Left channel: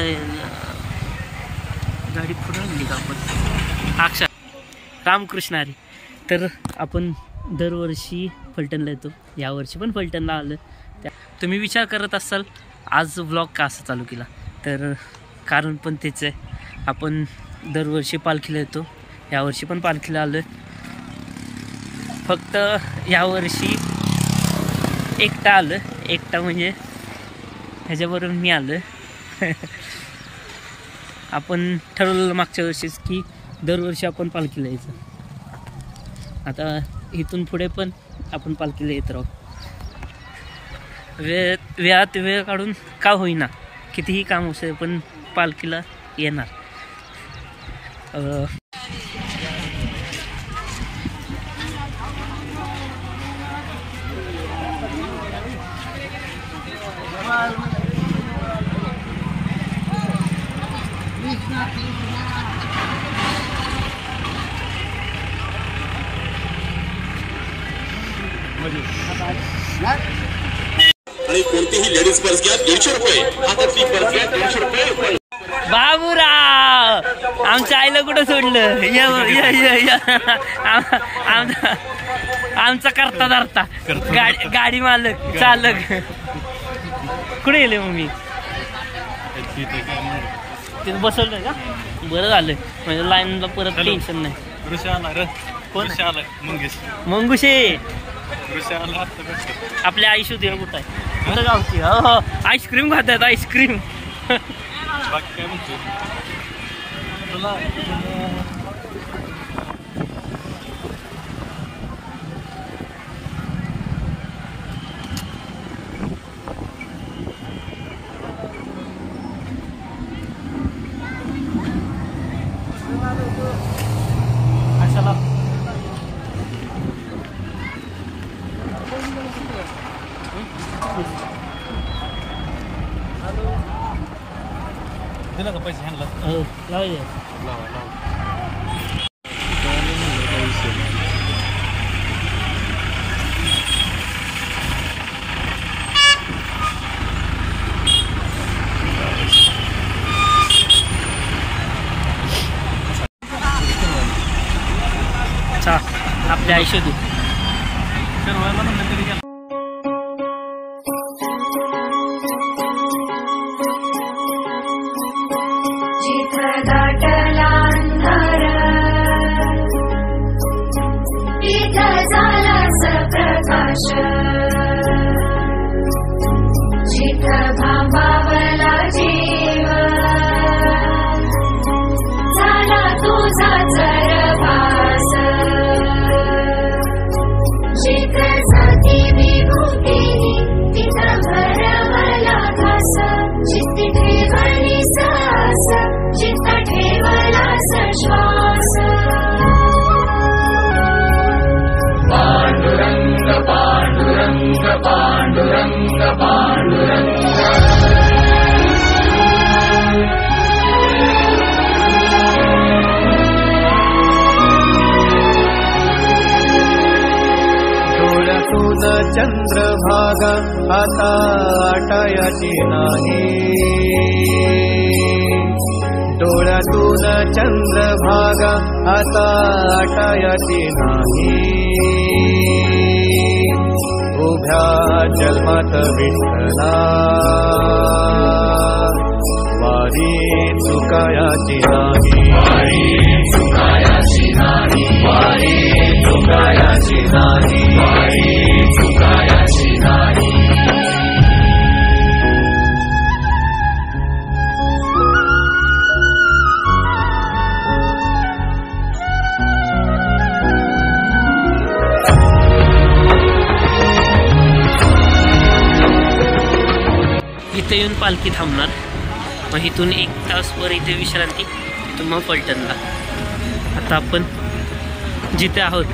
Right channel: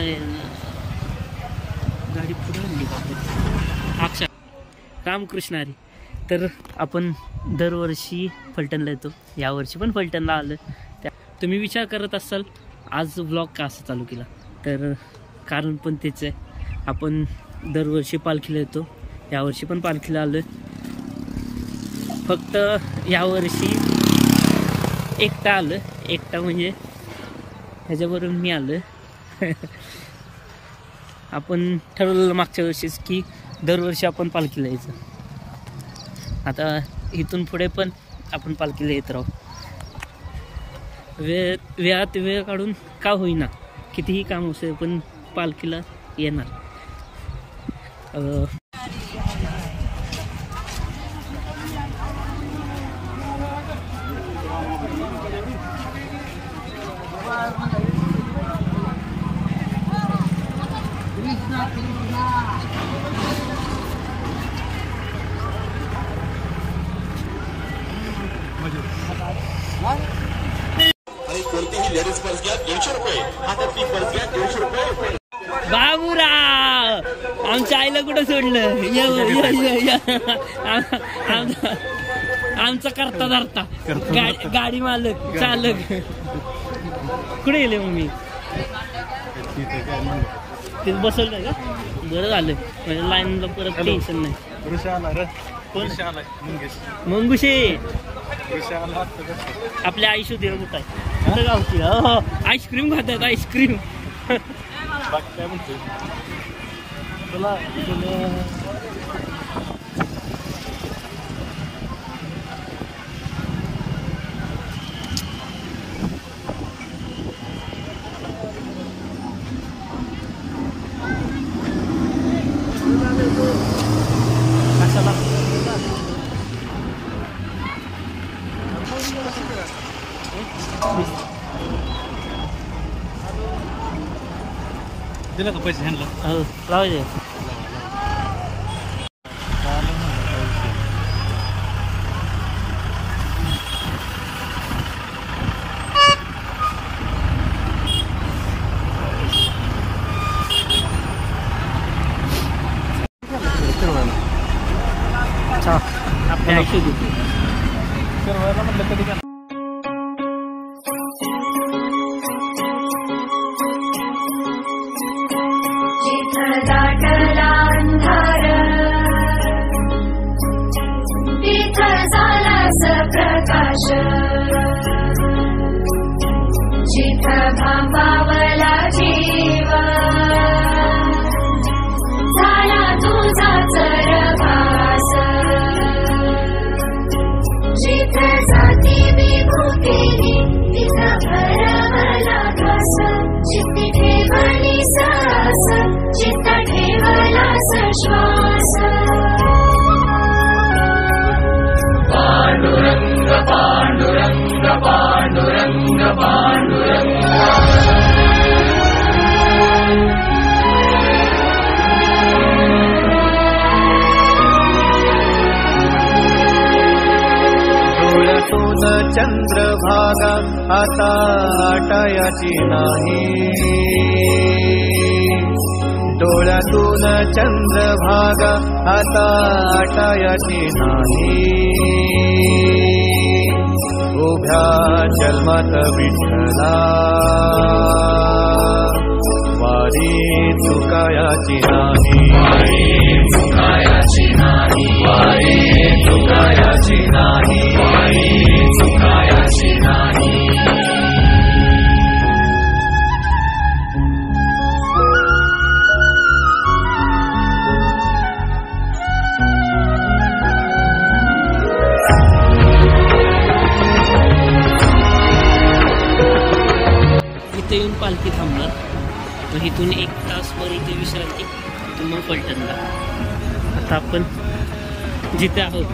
काय गाडी पुढे आणली का आपण अक्षा रामकृष्ण हरी. तर आपण दरवर्षी फलटणला येतो, यावर्षी पण फलटणला आलं. तुम्ही विचार करत असाल आज व्लॉग का असं चालू केला, तर कारण पण तेच आहे. आपण दरवर्षी पालखीला येतो, यावर्षी पण पालखीला आलो. फक्त यावर्षी एकटा आलं, एकटा म्हणजे ह्याच्याबरोबर मी आलं. आपण ठरवलेलं मागच्या वर्षीच की दरवर्षी आपण पालखीला यायचं. आता इथून पुढे पण आपण पालखीला येत राहू. वेळात वेळ काढून का होईना, कितीही काम असेल पण पालखीला येणार. आणि कोणतीही लेडीज पर्स घ्या 150 रुपये, हातातली पर्स घ्या 150 रुपये. बाबूराव आमच्या आईला कुठं सोडलं, आमचा करता धरता गाडी मालक चालक कुठे गेले मग मी तिथे बसवलं का. बरं झालं म्हणजे लाईनला परत टेन्शन नाही. मंगुशे आपल्या आयुष्य देव कुठं आहे, कुठं गावची. हो आईस्क्रीम खातात आईस्क्रीम. काय म्हणतो तुला कशाला दिलं का पैसे ह्यांना. हो लावायचे. आपल्या आयुष्यात डोळ्यातून चंद्रभागा आता आटायाची नाही. डोळ्यातून चंद्रभागा आता आटायाची नाही. उभ्या जन्मात विठ्ठला वारी चुकायाची नाही. वारी चुकायाची नाही. इथे येऊन पालखी थांबणार, मग इथून 1 तास पर इथे विश्रांती, तिथून मग फलटणला. आता आपण जिथे आहोत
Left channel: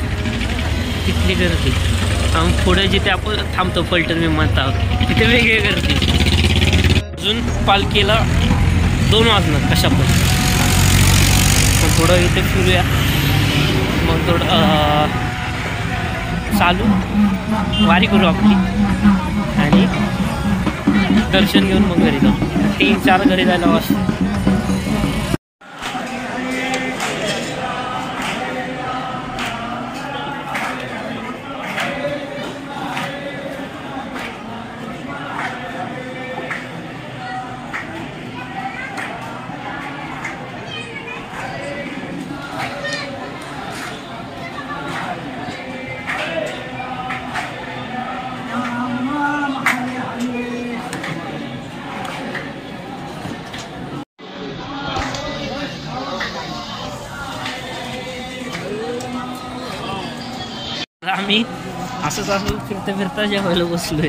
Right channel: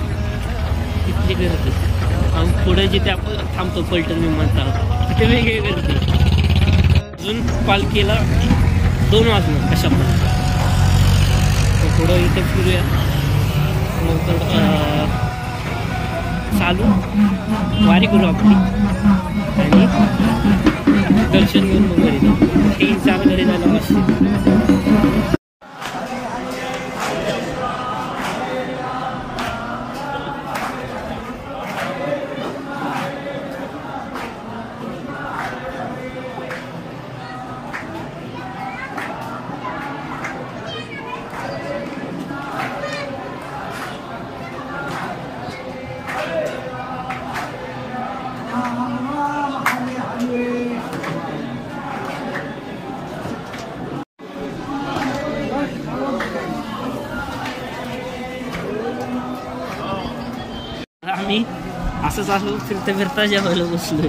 तिथली गर्दी, पुढे जिथे आपण थांबतो फलटण विमानतळ आहोत तिथे वेगळी गर्दी. अजून पालखीला 2 वाजणार कशा पण. मग पुढं इथे फिरूया, मग थोडं चालू वारी करू आपली आणि दर्शन घेऊन मग घरी जाऊ. 3-4 घरी जायला वाजते. आम्ही असं फिरता जेवायला बसलोय.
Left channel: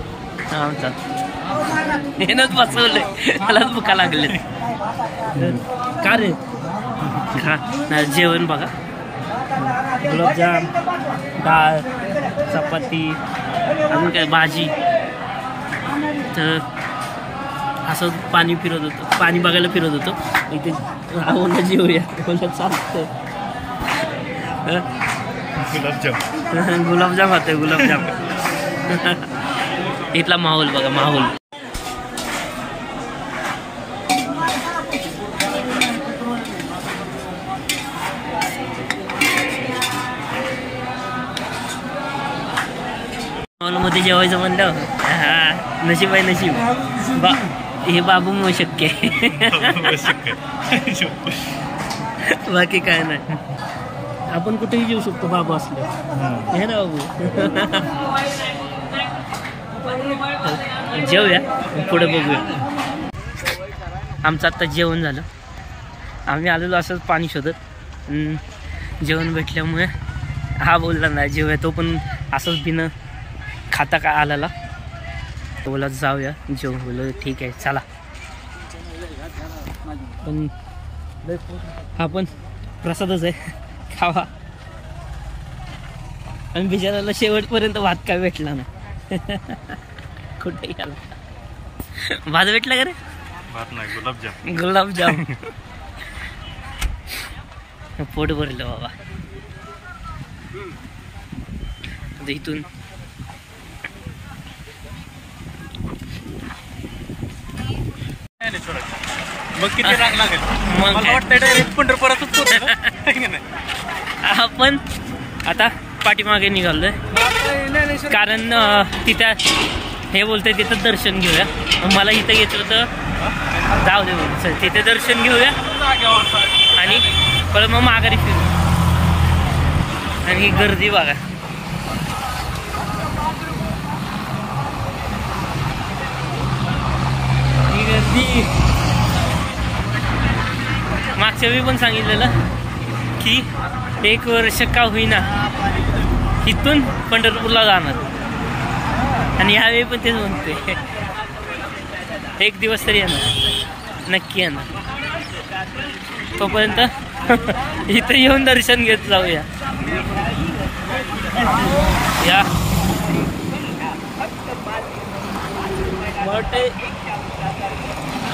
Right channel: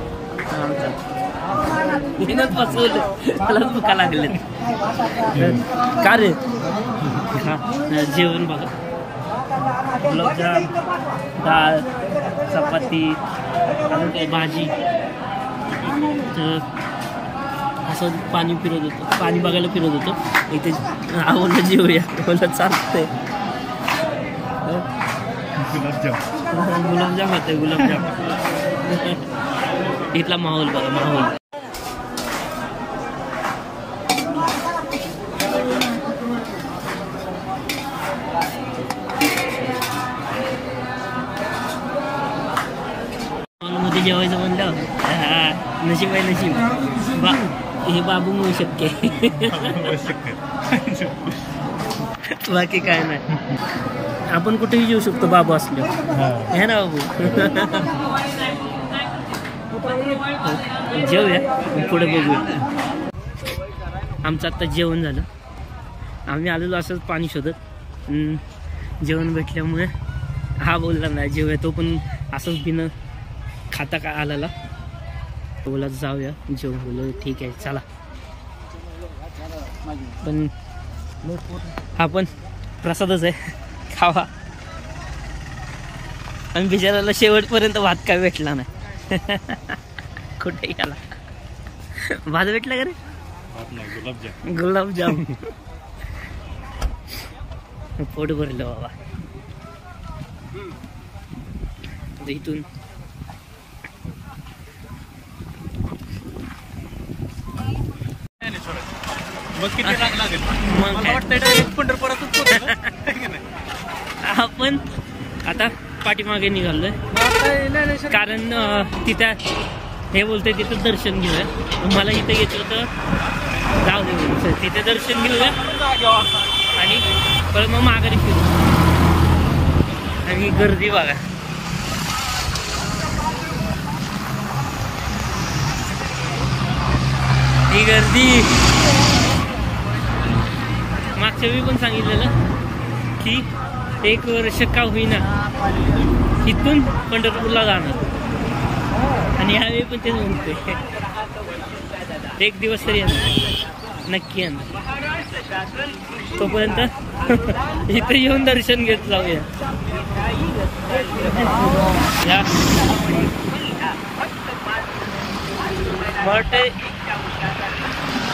नेनच बसवलंय, मलाच भुका लागले. का रे? हा जेवण बघा, गुलाबजाम, डाळ, चपाती, अजून काय भाजी. तर असं पाणी फिरत होतं, पाणी बघायला फिरत होतो. इथे आवडलं जेवूया, बोलत चालतंय. गुलाबजाम खातोय, गुलाबजाम. इथला माहोल बघा, माहोल. मध्ये जेवायचं म्हणलं, हा नशीब आहे, नशीब. हे बाबूमुळे शक्य आहे. बाकी काय नाही. आपण कुठेही जेऊ शकतो बाबू असल्यावर, हे ना बाबू. जेवूया, पुढे बघूया. आमचं आत्ता जेवण झालं. आम्ही आलेलो असंच पाणी शोधत. जेवण भेटल्यामुळे हा बोलला नाही जेवूया. तो पण असंच बिन खाता का आलेला. बोला जाऊया जेवण. बोललं ठीक आहे चला. पण हा पण प्रसादच आहे, खावा. आणि बिचाराला शेवटपर्यंत भात काय भेटला नाही. कुठे गेला भात? भेटला का रे? भात नाही, गुलाबजाम. गुलाबजाम. पोट भरलं बाबा. आता इथून मग आपण आता पाठीमागे निघालोय, कारण तिथं हे बोलतंय तिथं दर्शन घेऊया. मला इथं यायचं होतं, जाऊ दे बोल, तिथे दर्शन घेऊया आणि परत मग माघारी फिरू. आणि ही गर्दी बघा, ही गर्दी. मागच्या वेळी पण सांगितलेलं की 1 वर्ष का होईना इथून पंढरपूरला जाणार, आणि ह्यावेळी पण तेच म्हणतोय. 1 दिवस तरी येणार, नक्की येणार. तोपर्यंत इथं येऊन दर्शन घेत जाऊया. या बट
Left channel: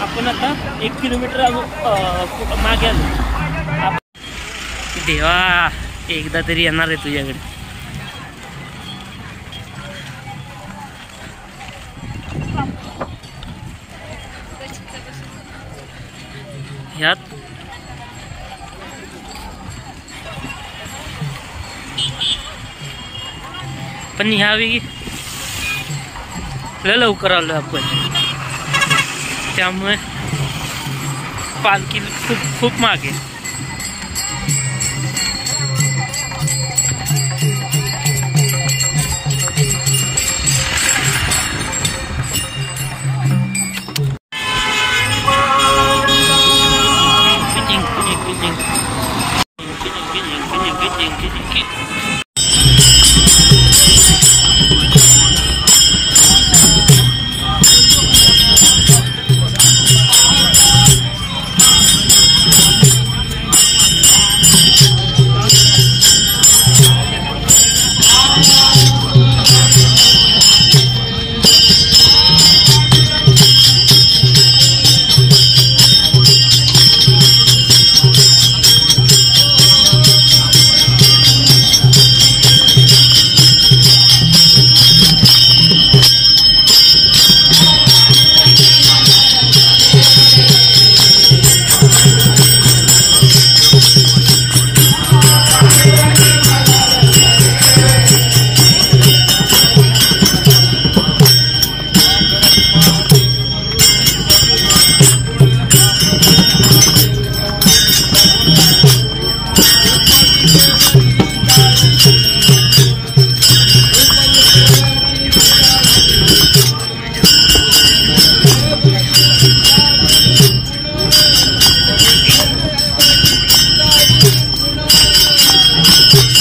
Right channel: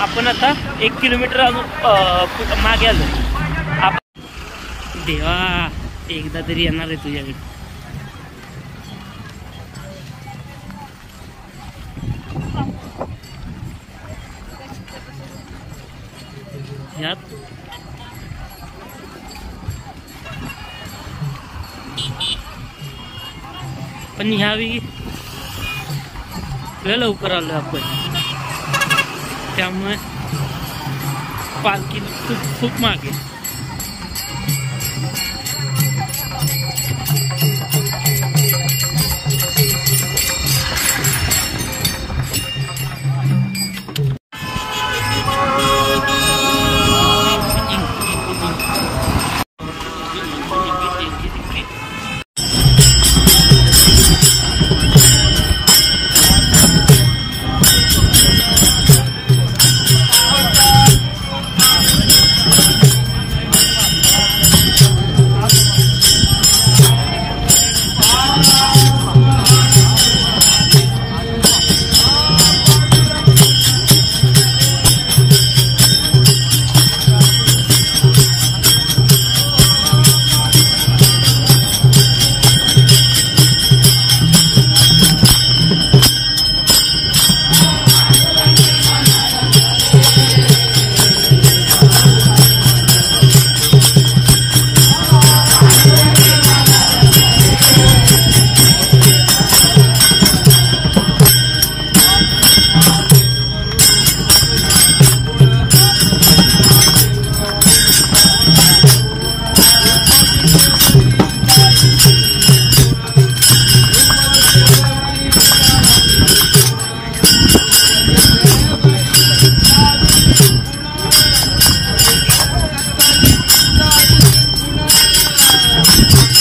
आपण आता 1 किलोमीटर अजून मागे आलो. देवा एकदा तरी येणार आहे तुझ्याकडे. ह्यात पण ह्यावेळी लवकर आलो आपण, त्यामुळे पालखी खूप मागे.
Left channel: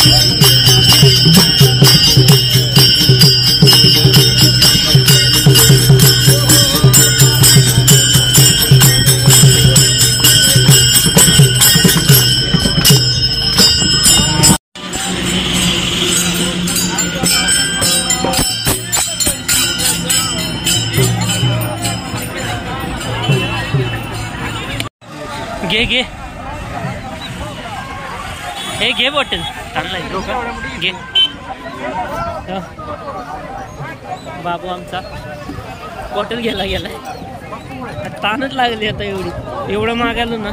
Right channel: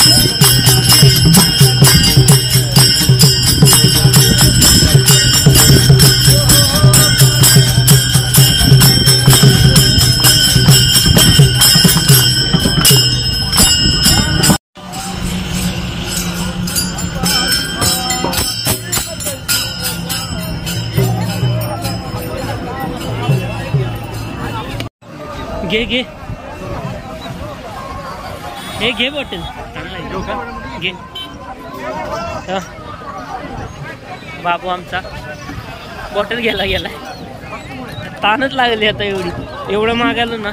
घे घे हे घे बॉटल चांगला घे बाबू आमचा बॉटल घ्यायला गेलाय ताणच लागली आता एवढं मागायला ना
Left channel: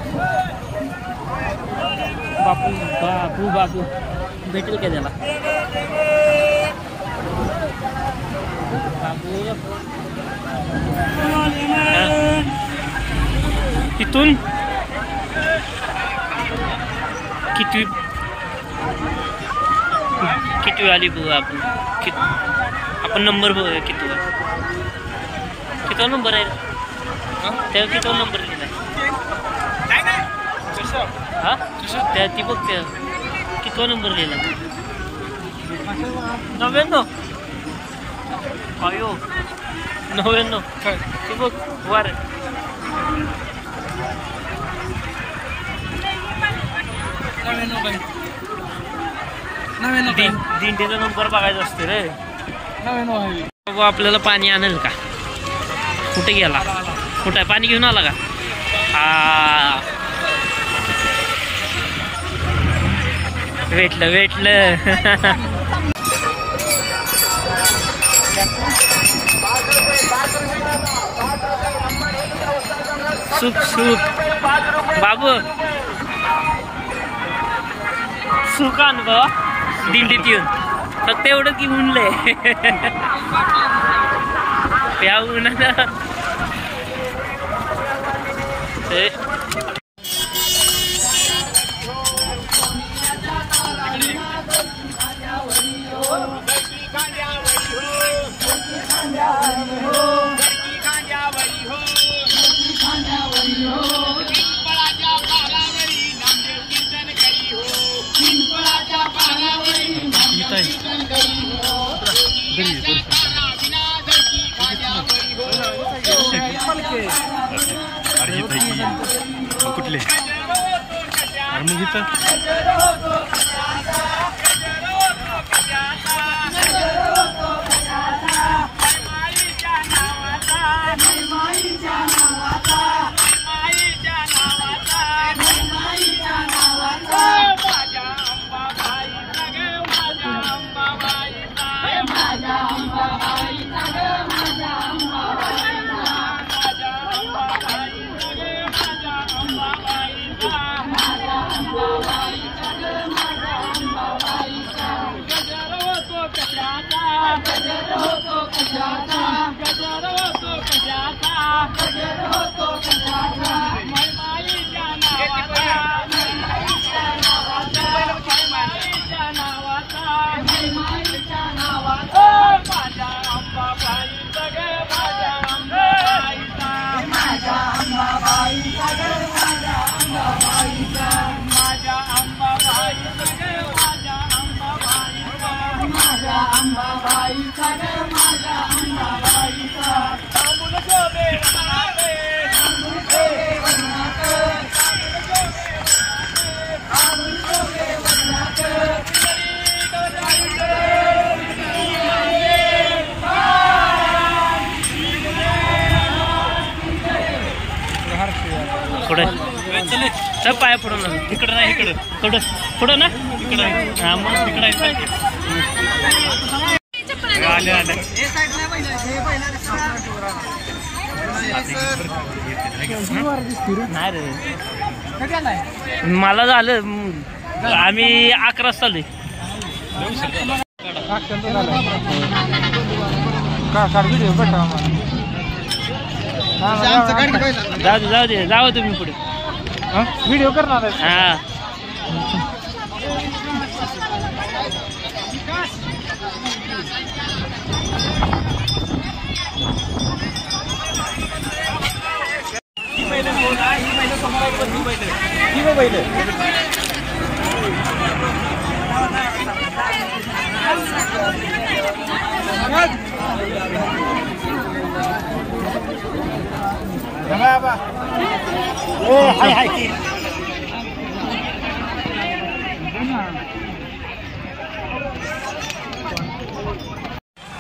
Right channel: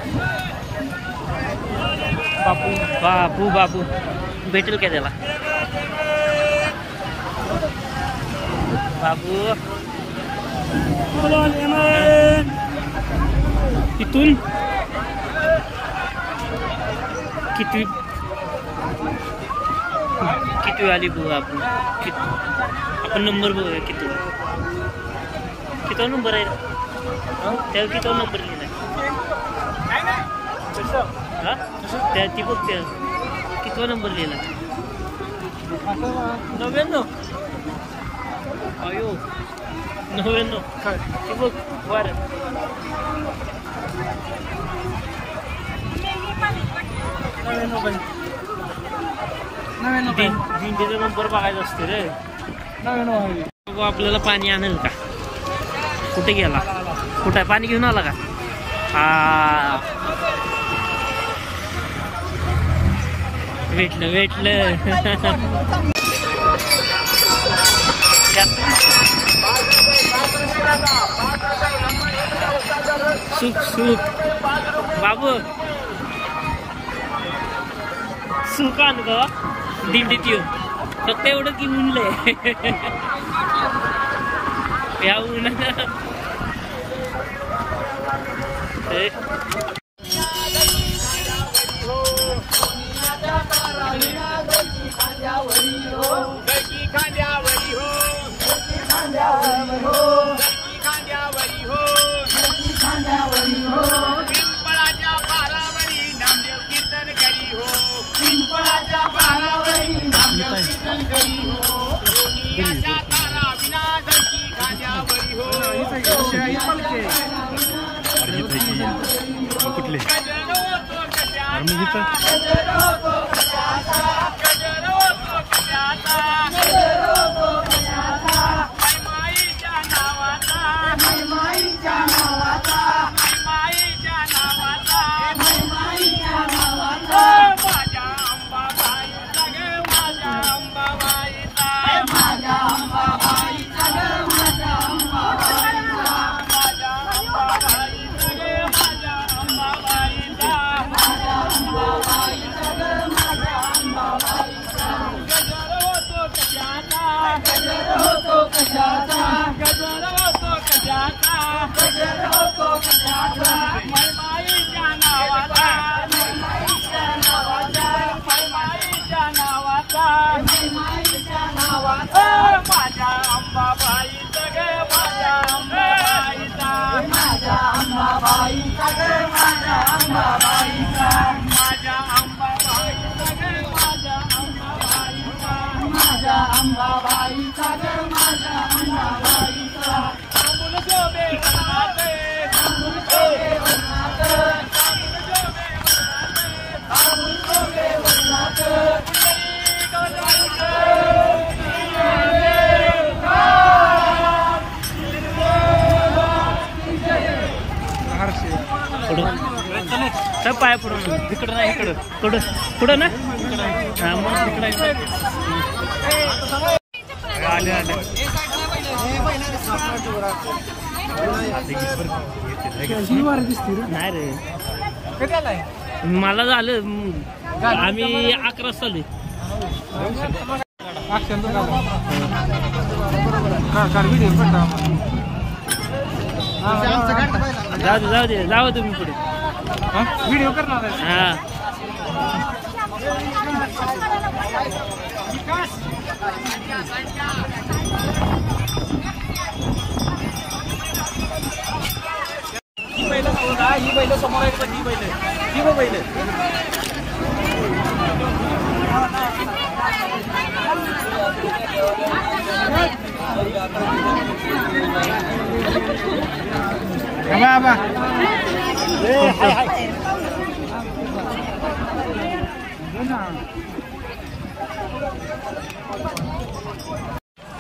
बापू बाबू बाबू भेटेल का त्याला बाबू इथून किती आली बघू आपण नंबर बघूया किती नंबर आहे त्या किती नंबर लिहिला हा त्या ती बघ त्या किती नंबर लिहिला 99 अयो 99 ती बघ वर दिंडीचा नंबर बघायचा असतो रे आपल्याला पाणी आणेल का कुठे गेला कुठे पाणी घेऊन आला का हा भेटलं सुख बाबू सुख अनुभव दिंडीत येऊन फक्त एवढं की उनलंय या उन्हानं कुठले सब पाया पडून इकडं नाही इकडं पुढं ना इकडं हा मग इकडं आले नाही रे मला झालं आम्ही 11 चालू जाऊ दे जाऊ तुम्ही पुढे व्हिडिओ करणार हा ही बैल समोर आहेत पण ही बैल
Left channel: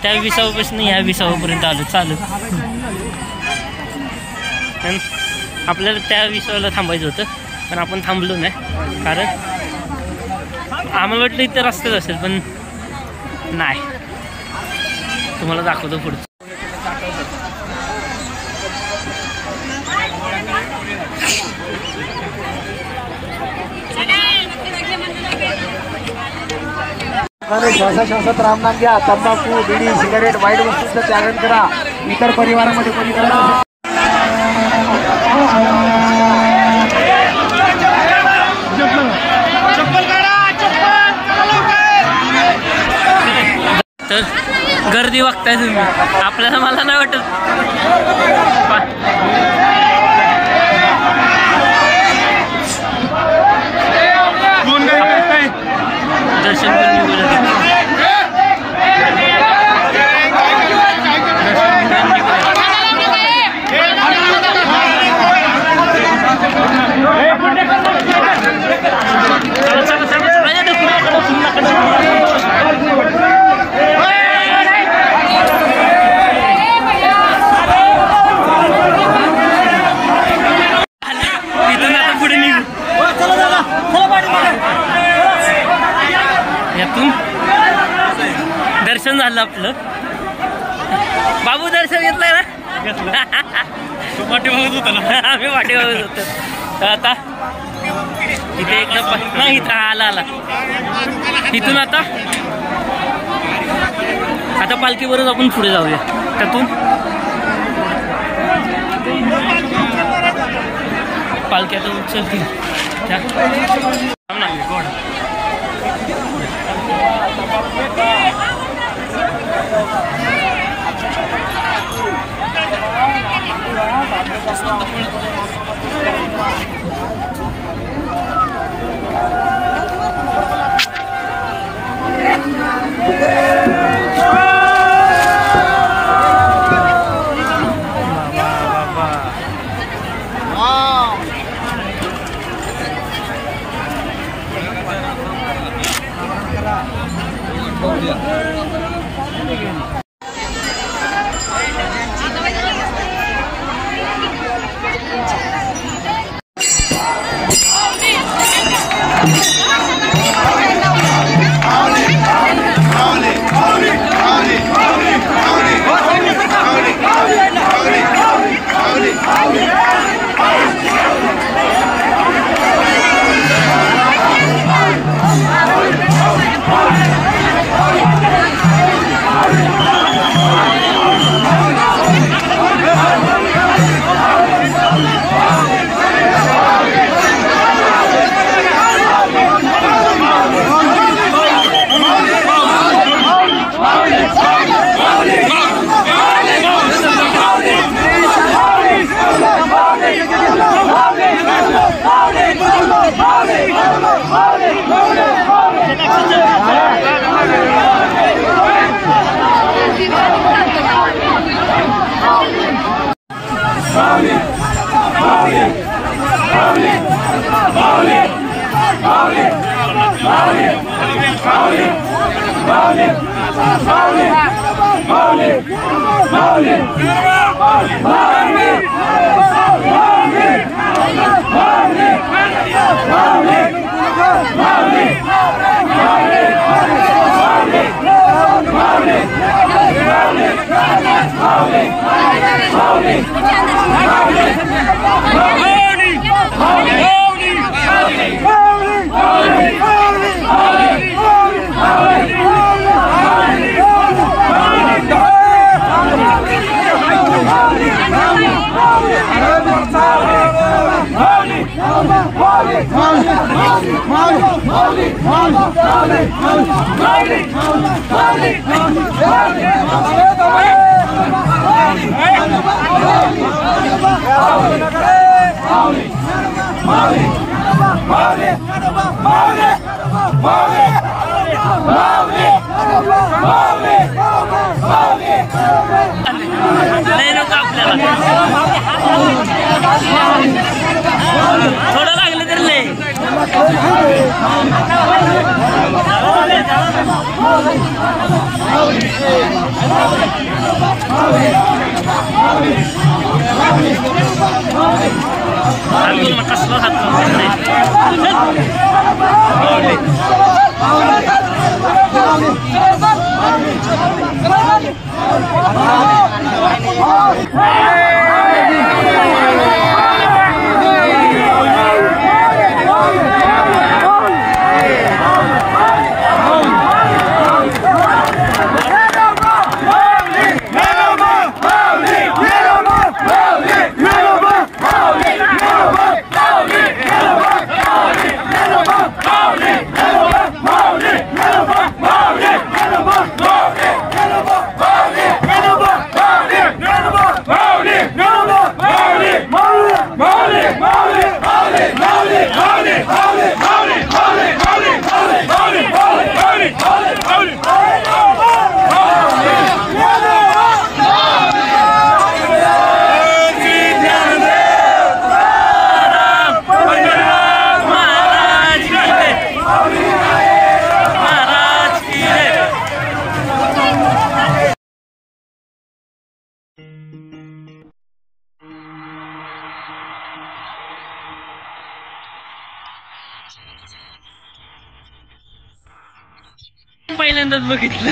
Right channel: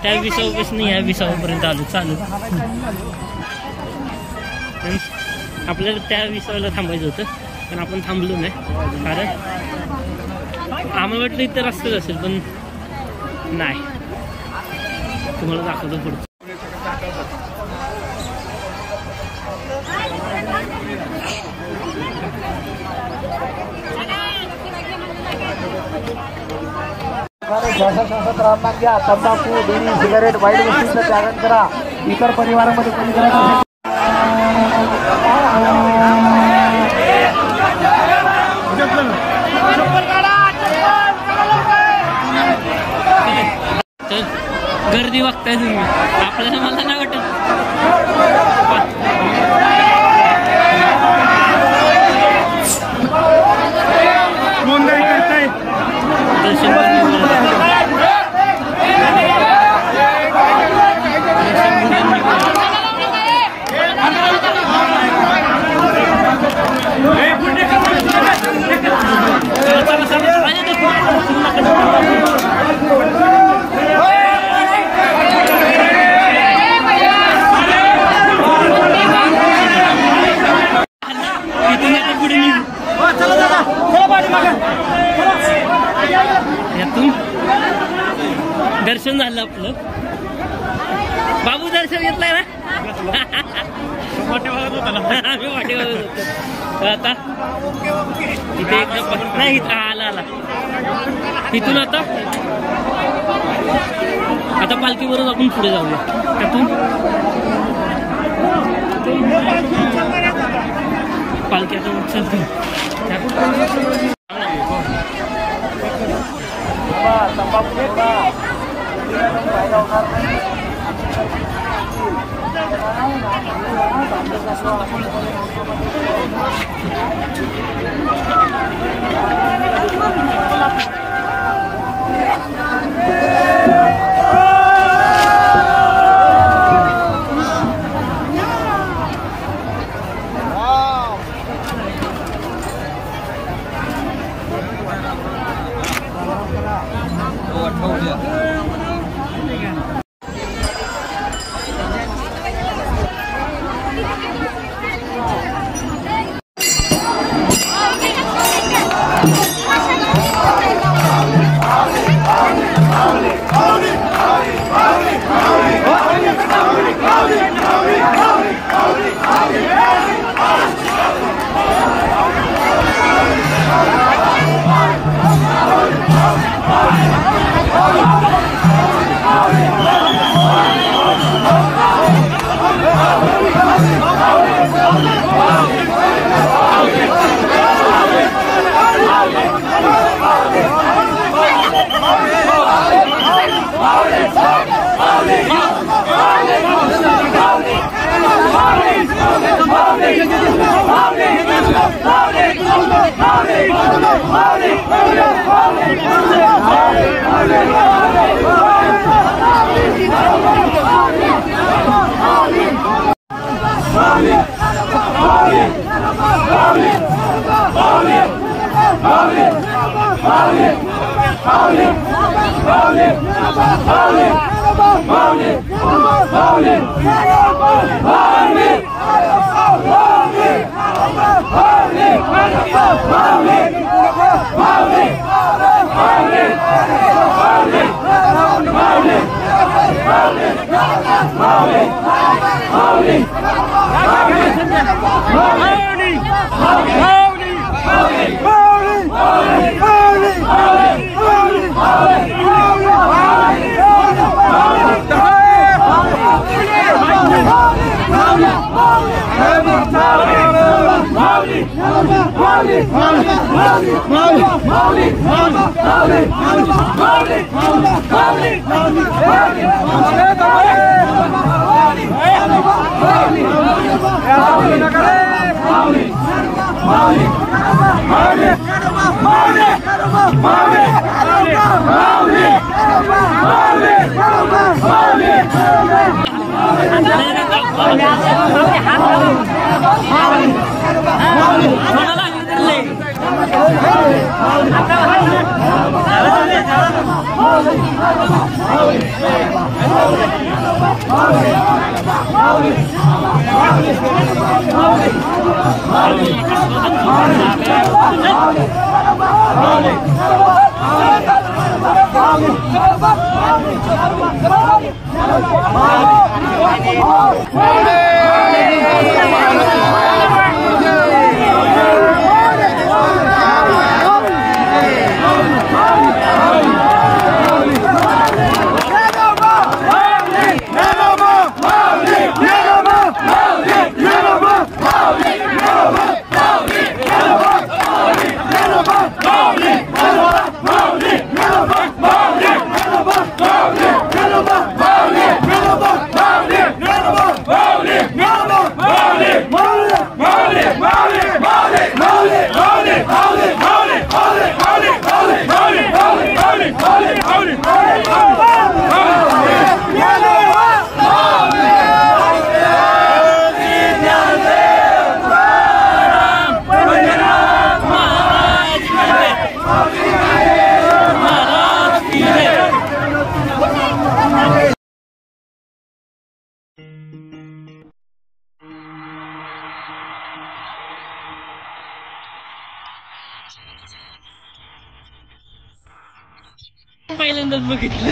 त्या विसावापासून ह्या विसावापर्यंत आलो चालत. आपल्याला त्या विसावाला थांबायचं होतं पण आपण थांबलो नाही, कारण आम्हाला वाटलं इथे रस्ताच असेल पण नाही. तुम्हाला दाखवतो पुढचं. श्वासोच्छ्वासात राहणार घ्या. तंबाखू, बिडी, सिगारेट, वाईट वस्तूंचं त्यागन करा. इतर परिवारामध्ये कोणी करत असेल तर गर्दी बघताय तुम्ही. आपल्याला मला नाही वाटत दर्शन पण निघून चला चला इथून आता पुढे निघू. यातून दर्शन झालं आपलं. बाबू दर्शन घेतलंय ना. वाटे बघत होता ना. आम्ही वाटे बघत होतो. आता इथे एकदा नाही इथं आला इथून आता पालखीवरच आपण पुढे जाऊया. त्यातून पालखी आता उचलतील. थोडा लागले तर पहिल्यांदाच बघितलं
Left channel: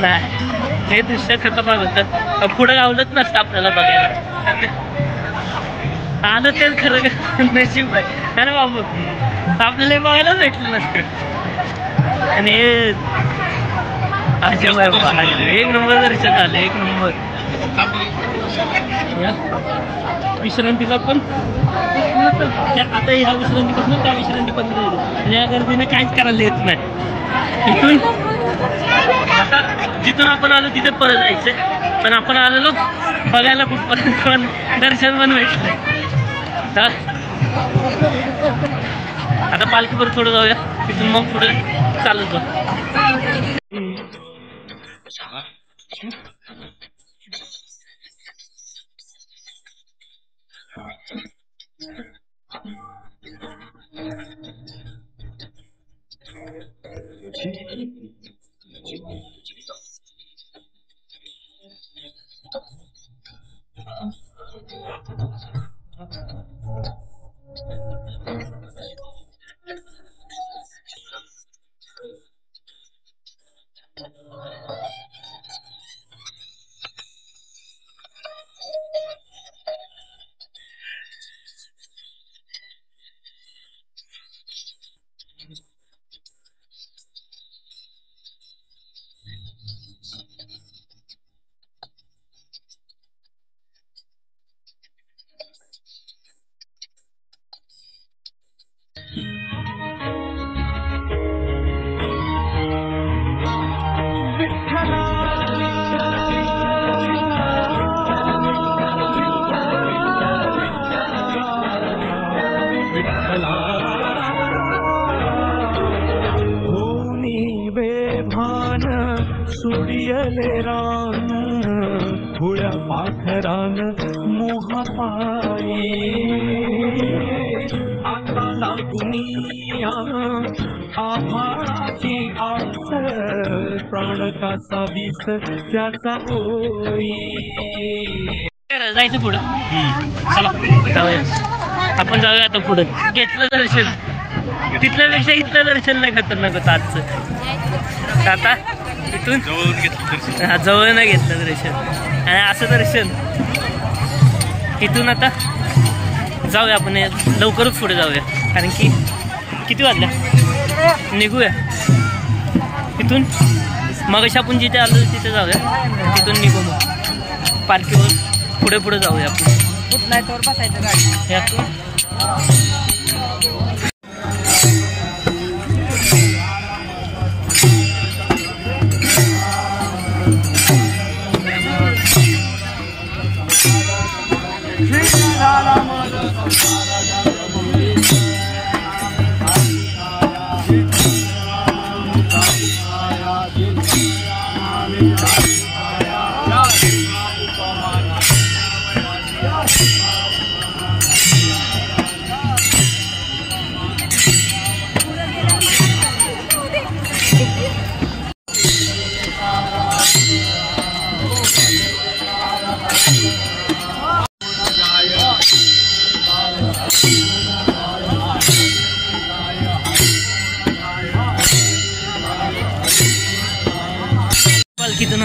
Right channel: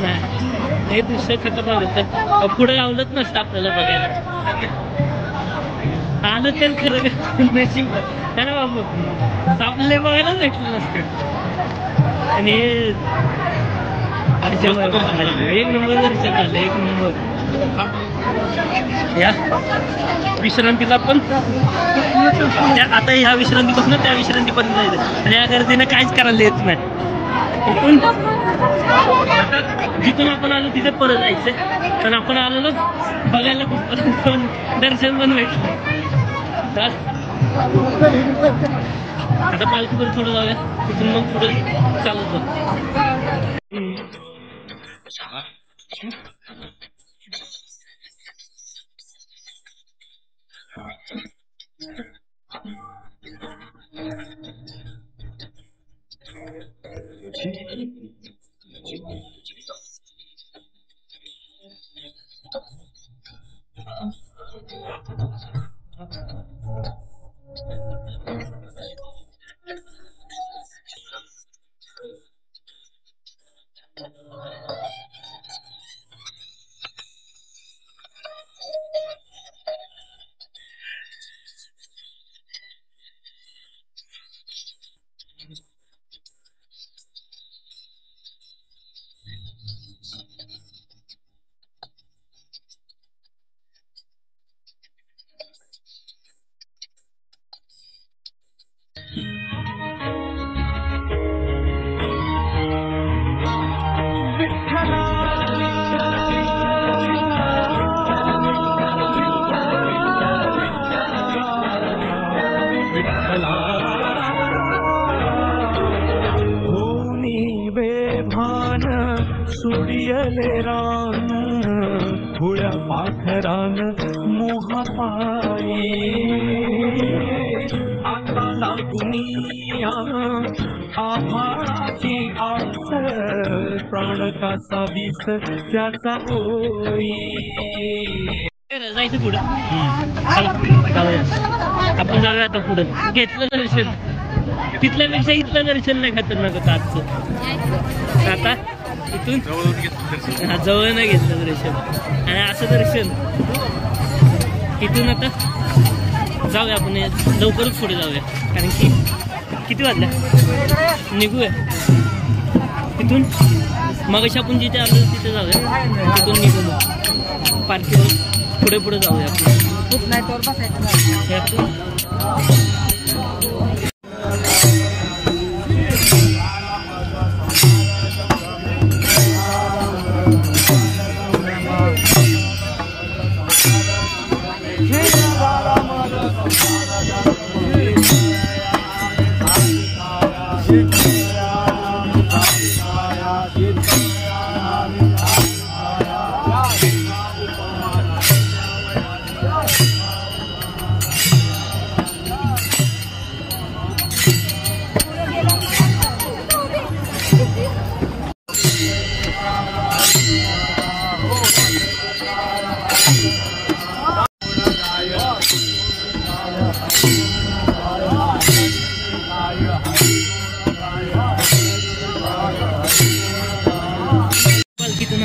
नाही हे दृश्य खतरनाक होतं. पुढे गावलंच नसतं आपल्याला बघायला. आलं तर खरं नशीब आहे ना बाबू, आपल्याला बघायलाच भेटलं नसतं. आणि हे एक नंबर दर्शन झालं, एक नंबर. या विश्रांतीला पण आता ह्या विश्रांतीपासून त्या विश्रांतीपर्यंत जायचं. या गर्दीनं काहीच करायला येत नाही. इथून आता जिथून आपण आलो तिथे परत जायचंय, पण आपण आलेलो बघायला खूप पण दर्शन पण भेटलंय. आता पालखीवर थोडं जाऊया, तिथून मग पुढे चालत जाऊ. सुडियले रान हुळ्या पाखरान मोहापाई आता लागुनिया आभाळाची आस प्राण कासा विस त्याचा होई. जायचं पुढं. चला जाऊया, आपण जाऊया आता पुढं. घेतलं दर्शन, तिथल्यापेक्षा इथलं दर्शन नाही खतरनाक होतं आजचं. आता इथून जवळ नाही घेतलं दर्शन, आणि असं दर्शन इथून आता जाऊया आपण, लवकरच पुढे जाऊया. कारण की किती वाजल्या, निघूया इथून. मगाशी आपण जिथे आलो तिथे जाऊया, तिथून निघू मग पालखीवर पुढे पुढे जाऊया आपण.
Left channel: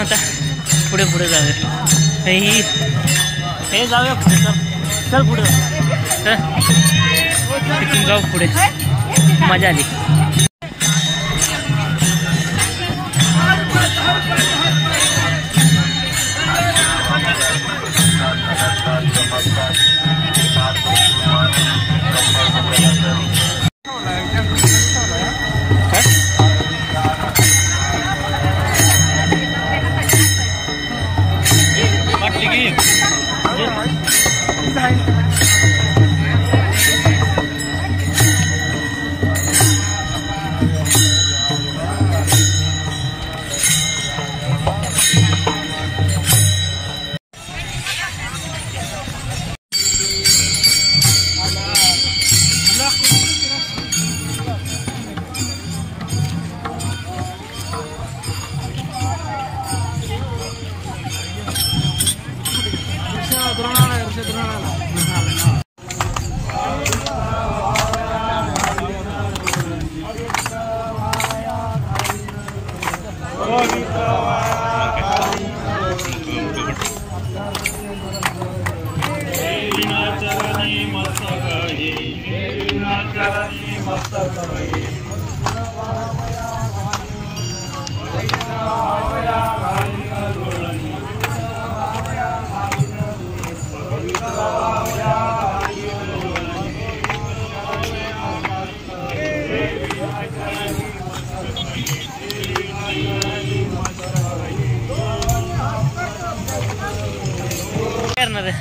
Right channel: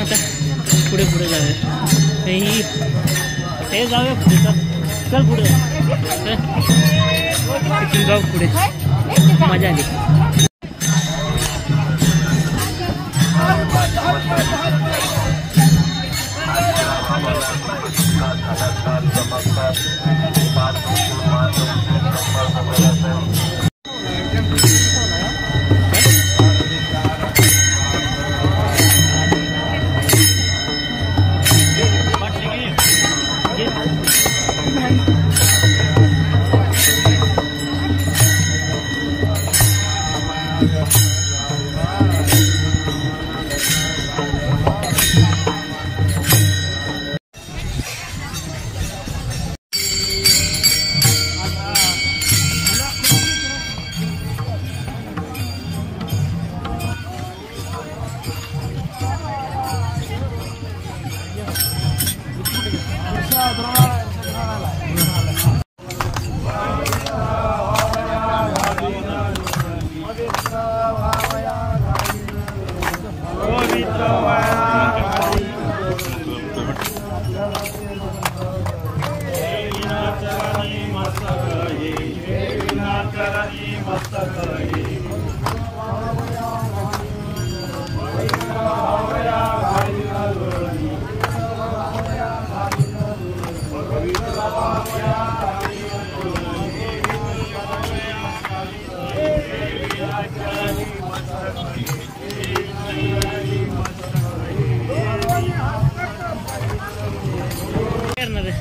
आता पुढे पुढे जाऊया. हे जाऊया पुढे. चल पुढे चल. इथून जाऊ पुढे. मजा आली.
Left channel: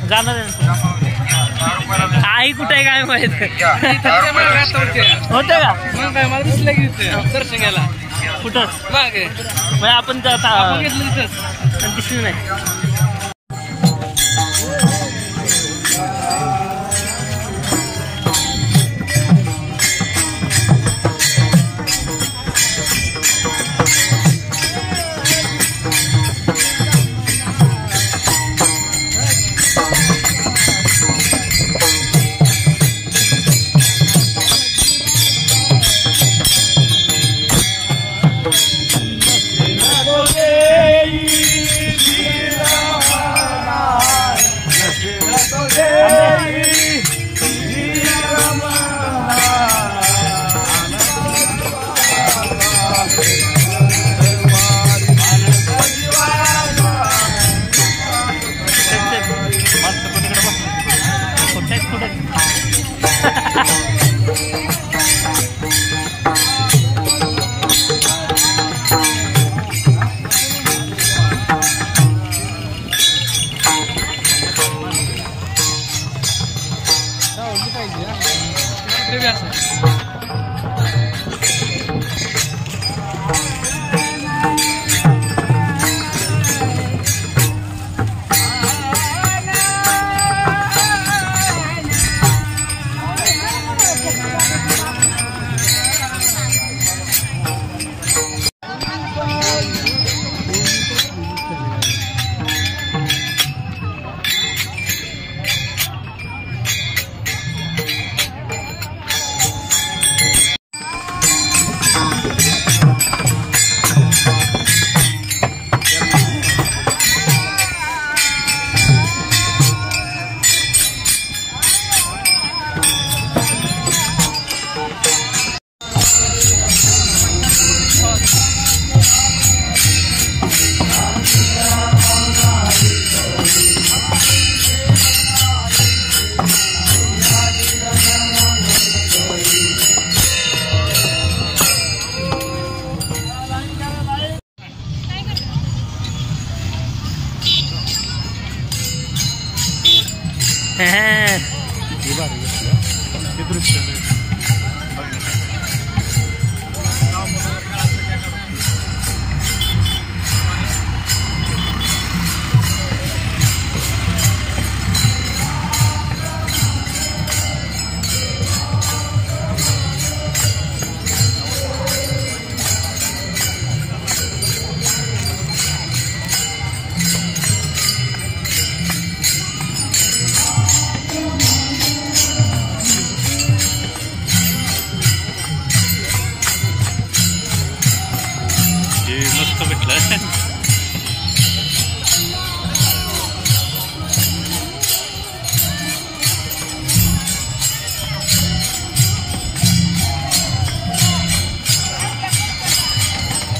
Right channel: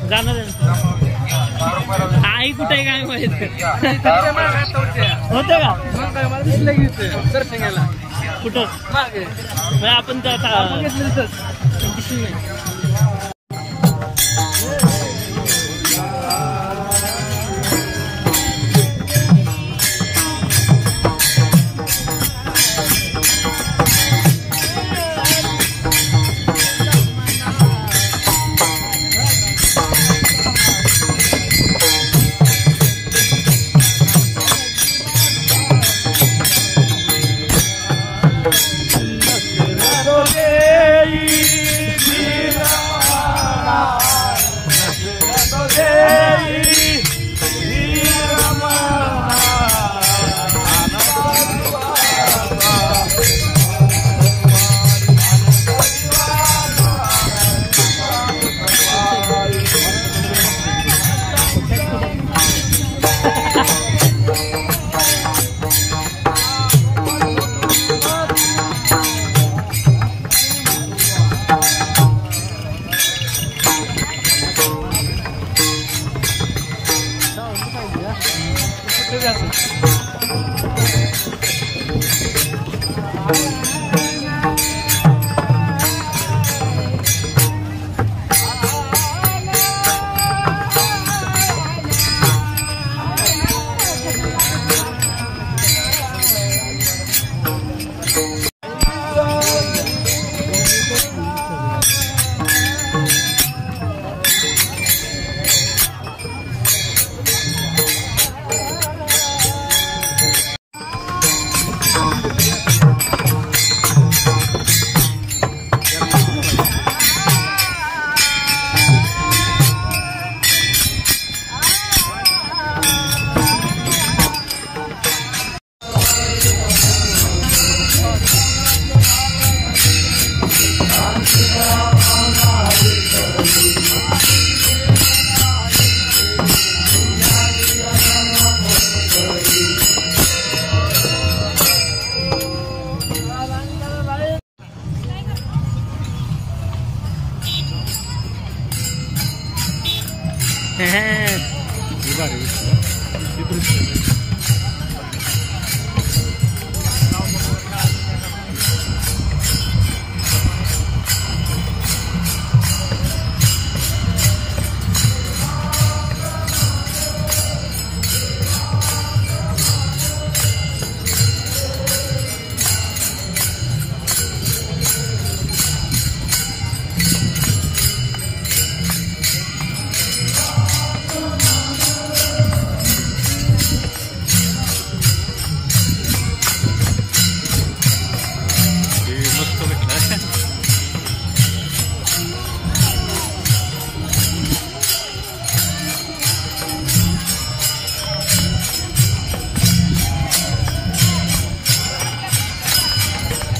जाणार आई कुठे आहे काय माहित होते का मला दिसलं की दर्शन घ्यायला कुठं मागे आपण दिसलं नाही.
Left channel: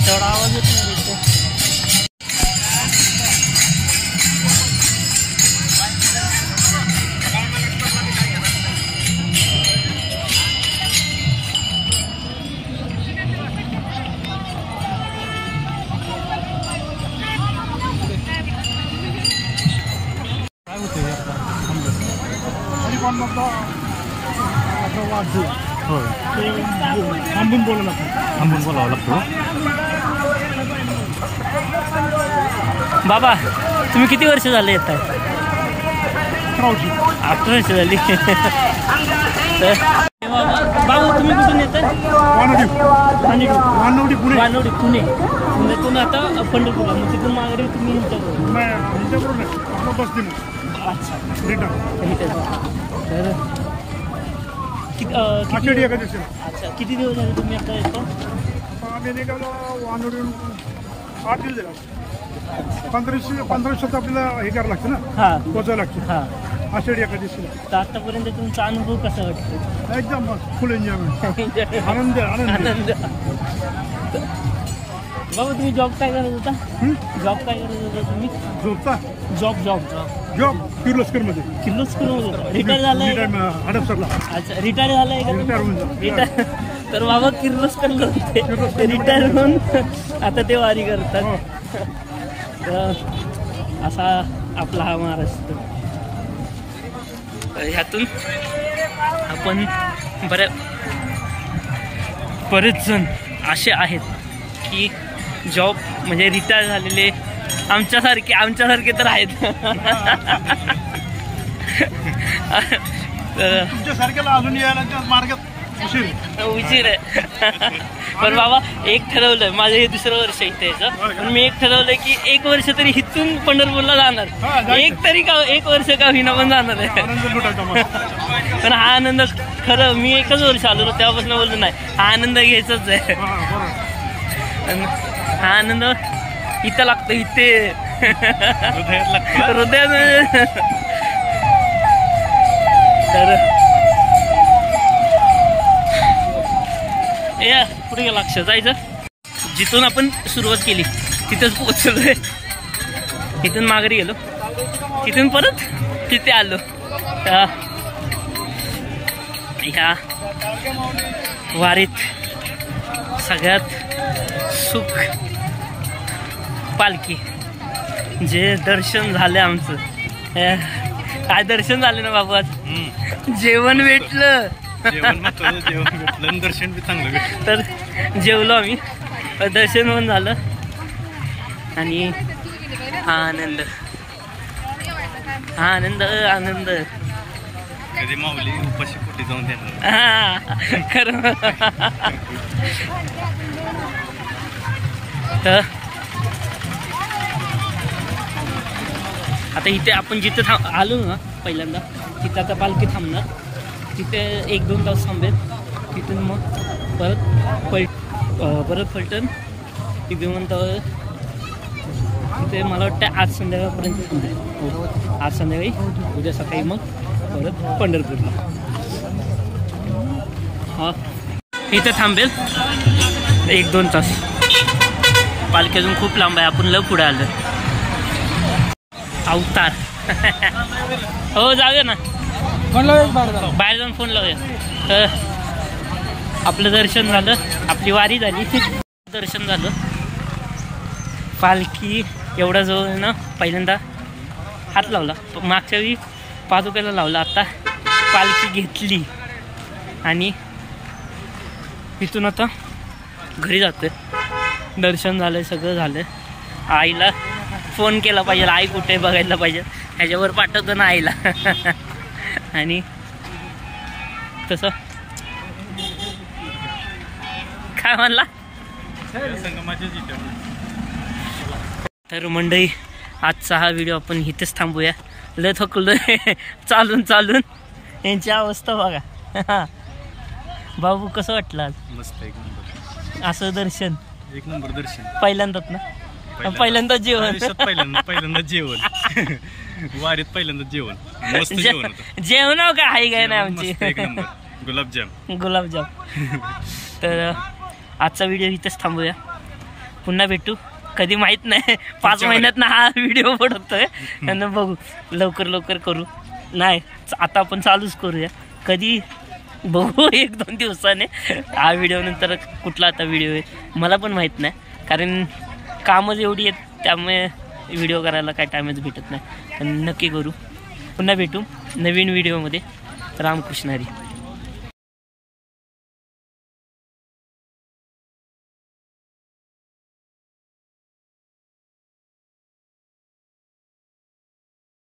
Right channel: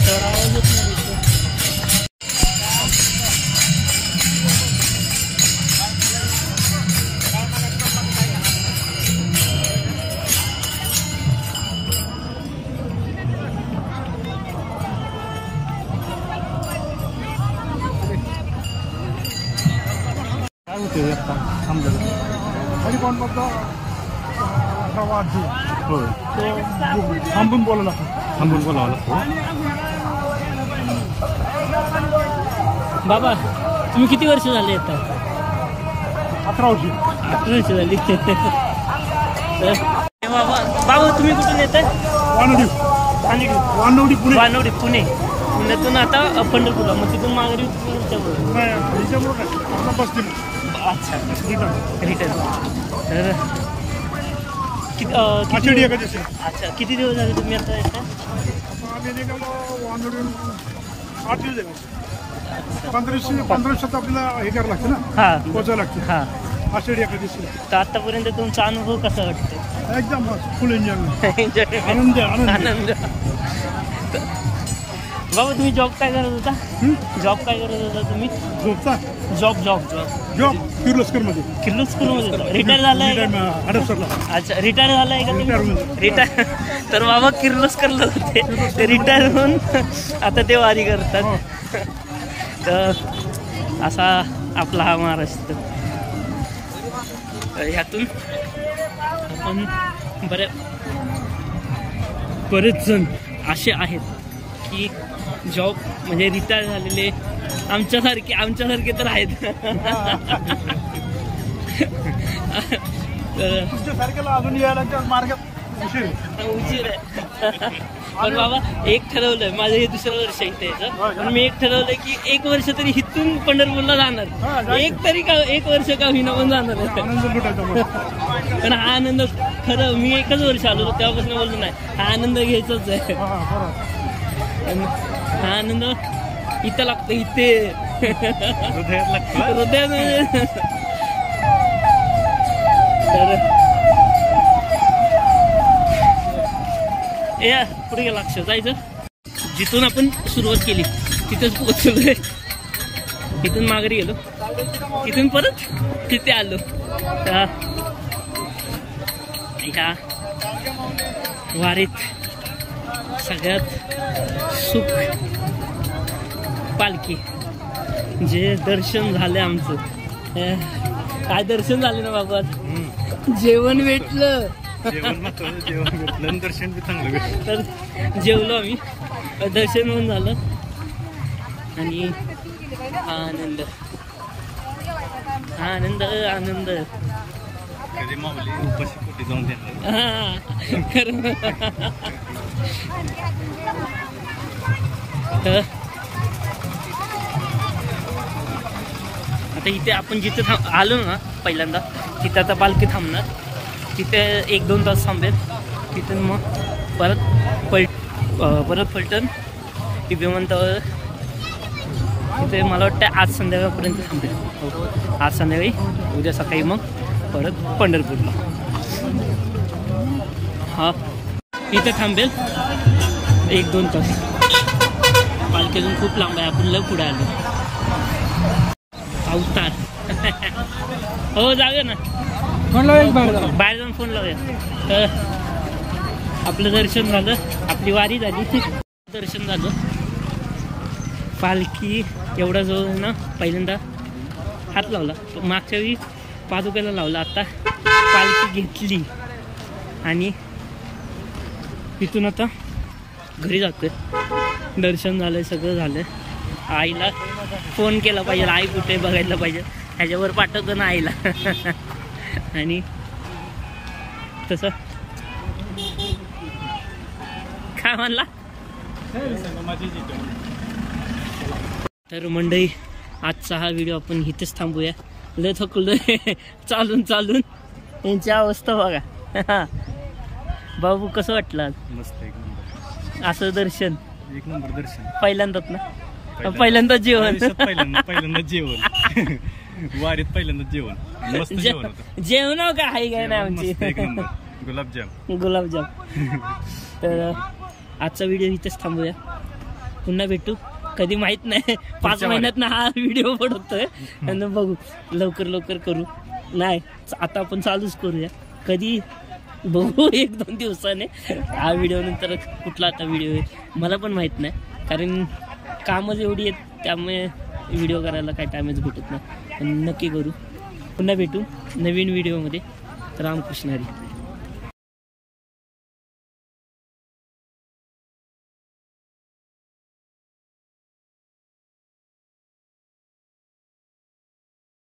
तेवढा आवाज येत नाही तिथं. काय होतं आता थांबलेलं आणि कोण मधला असा वाद जो हो तो थांबून बोलावं लागतं थांबून बोलावं लागतं. बाबा तुम्ही किती वर्ष झाले येत आहे? 18 वर्षी. 18 वर्ष झाली. तर बाबा तुम्ही कुठून येत आहे? वानवडी पुणे. वानवडी पुणे. पुण्यातून आता पंढरपूरला, मग तिथून माघारी तुम्ही ह्यांच्याबरोबर? नाही ह्याच्याबरोबर नाही, आपला बसते मग. अच्छा रिटर्न. तर आषाढी एकादशीला. अच्छा किती दिवस झाले तुम्ही आता येता? आता आम्ही निघालो वानवडीहून 8 दिवस झाले. 15 आपल्याला हे करावं लागतं ना, हां पोचायला लागते. हां. आषाढी एकादशीला. तर आतापर्यंत तुमचा अनुभव कसा वाटतो? एकदम फुल एन्जॉयमेंट. आनंद. आनंद. बाबा तुम्ही जॉब काय करत होता? जॉब काय करत होता तुम्ही? झोपता जॉब किर्लोस्करमध्ये. किर्लोस्करमध्ये होता. रिटायर झालाय? हडपसरला. अच्छा रिटायर झालाय का? रिटायर. तर बाबा किर्लोस्करला होते, ते रिटायर होऊन आता ते वारी करतात. तर असा आपला हा महाराष्ट्र. ह्यातून आपण बरेच जण असे आहेत की जॉब म्हणजे रिटायर झालेले आमच्यासारखे तर आहेत. तुमच्यासारख्याला अजून यायला मार्गात उशीर आहे. पण बाबा एक ठरवलंय, माझं हे 2रं वर्ष इथे यायचं, पण मी एक ठरवलंय की 1 वर्ष तरी इथून पंढरपूरला जाणार. एक वर्ष का होईना पण जाणार आहे. पण हा आनंद खरं मी 1च वर्ष आलो तेव्हापासून बोललो नाही, हा आनंद घ्यायचाच आहे. हा आनंद इथं लागतो, इथे हृदयात लागतो, हृदयात. तर या पुढे गेला लक्ष जायचं. जिथून आपण सुरुवात केली तिथंच पोहोचलोय. इथून माघारी गेलो, तिथून परत तिथे आलो. ह्या वारीत सगळ्यात सुख पालखी. जे दर्शन झालं आमचं, काय दर्शन झालं ना बाबू. आज जेवण भेटलं, दर्शन बी चांगलं भेटलं. तर जेवलो आम्ही, दर्शन पण झालं आणि हा आनंद कधी माऊली उपाशी पोटी जाऊन देणार. खरं. तर आता इथे आपण जिथे आलो ना पहिल्यांदा, तिथे आता पालखी थांबणार. तिथे 1-2 तास थांबेल. तिथून मग परत फलटण विमानतळ. तिथे मला वाटतं आज संध्याकाळपर्यंत थांबेल. हो आज संध्याकाळी, उद्या सकाळी मग परत पंढरपूरला. हा इथे थांबेल 1-2 तास. पालखी अजून खूप लांब आहे, आपण लव पुढे आलो. अवतार. हो जाऊया ना, बाहेर जाऊन फोन लावूया. आपलं दर्शन झालं, आपली वारी झाली, दर्शन झालं. पालखी एवढा जवळ ना, पहिल्यांदा हात लावला, मागच्या वेळी पादुक्याला लावला, आता पालखी घेतली आणि इथून आता घरी जातोय. दर्शन झालंय, सगळं झालंय. आईला फोन केला पाहिजे, आई कुठे बघायला पाहिजे, ह्याच्यावर पाठवतो ना आईला. आणि तसं काय म्हणला. तर मंडळी आजचा हा व्हिडिओ आपण इथेच थांबूया. लय थकलोय चालून यांची अवस्था बघा. बाबू कसं वाटलं आज? मस्त, एक नंबर. असं दर्शन, एक नंबर दर्शन. पहिल्यांदाच ना, पहिल्यांदाच जेवण. पहिल्यांदा जेवण. वारीत पहिल्यांदा जेवण. मस्त जेवण होतं. जेवण का हाय काय ना आमची. एक नंबर. गुलाबजाम. तर आजचा व्हिडिओ इथेच थांबूया. पुन्हा भेटू कधी माहित नाही 5 महिन्यात ना हा व्हिडिओ पडतोय त्यांना बघू लवकर करू नाही आता आपण चालूच करूया कधी बघू 1-2 दिवसाने हा व्हिडिओ नंतर कुठला आता व्हिडिओ आहे मला पण माहित नाही कारण कामच एवढी आहेत त्यामुळे व्हिडिओ करायला काय टाइमच भेटत नाही पण नक्की करू पुन्हा भेटू नवीन व्हिडिओमध्ये रामकृष्ण हरी.